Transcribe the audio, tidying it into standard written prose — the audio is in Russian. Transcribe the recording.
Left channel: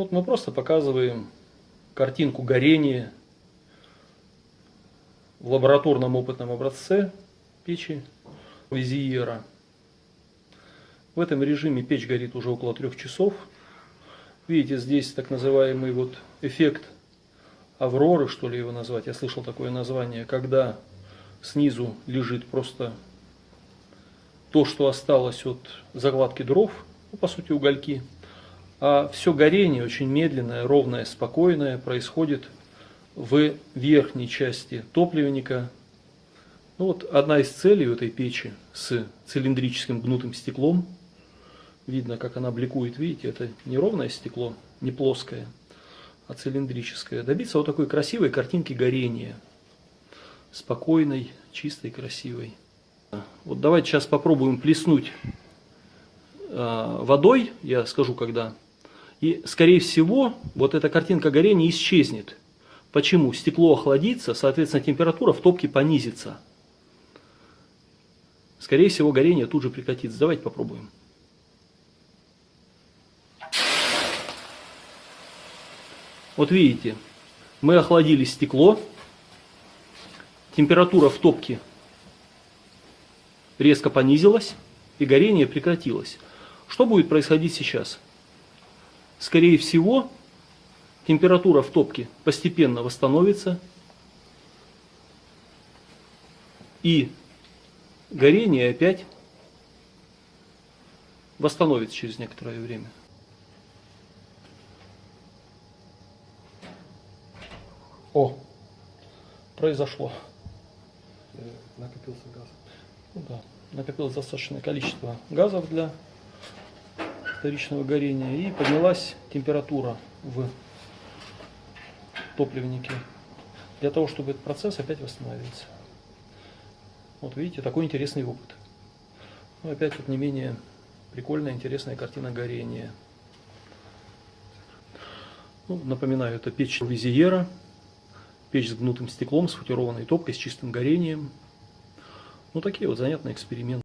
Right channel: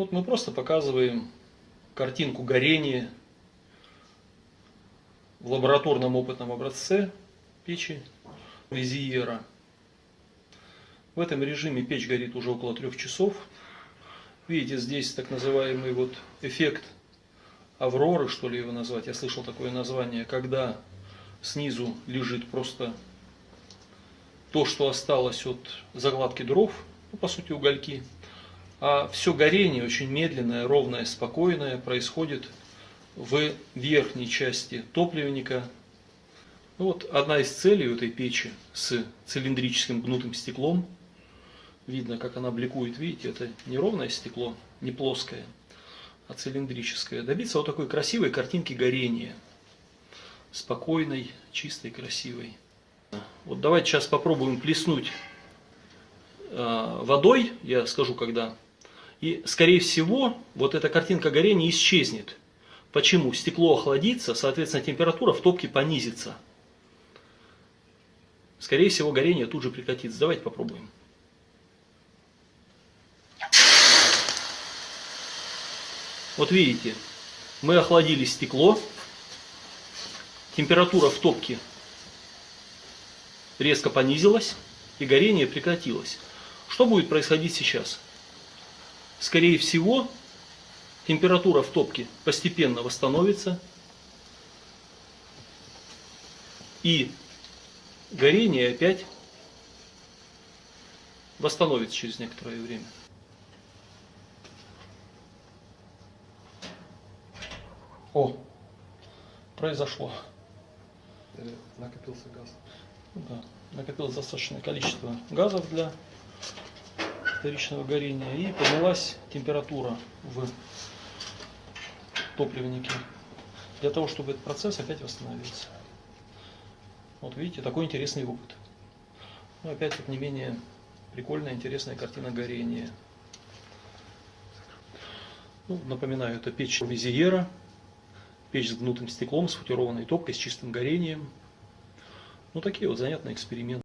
Вот мы просто показываем картинку горения в лабораторном опытном образце печи Визиера. В этом режиме печь горит уже около 3 часов. Видите, здесь так называемый вот эффект авроры, что ли его назвать. Я слышал такое название, когда снизу лежит просто то, что осталось от закладки дров, ну, по сути угольки. А все горение очень медленное, ровное, спокойное происходит в верхней части топливника. Ну, вот одна из целей у этой печи с цилиндрическим гнутым стеклом. Видно, как она бликует, видите, это не ровное стекло, не плоское, а цилиндрическое. Добиться вот такой красивой картинки горения. Спокойной, чистой, красивой. Вот давайте сейчас попробуем плеснуть водой, я скажу когда. И скорее всего вот эта картинка горения исчезнет. Почему? Стекло охладится, соответственно температура в топке понизится. Скорее всего горение тут же прекратится. Давайте попробуем. Вот видите, мы охладили стекло, температура в топке резко понизилась и горение прекратилось. Что будет происходить сейчас? Скорее всего, температура в топке постепенно восстановится и горение опять восстановится через некоторое время. О, произошло. Накопился газ. Да, накопилось достаточное количество газов для вторичного горения и поднялась температура в топливнике для того, чтобы этот процесс опять восстановился. Вот видите, такой интересный опыт. Ну, опять вот не менее прикольная, интересная картина горения. Ну, напоминаю, это печь Визиера. Печь с гнутым стеклом, с футированной топкой, с чистым горением. Ну, такие вот занятные эксперименты.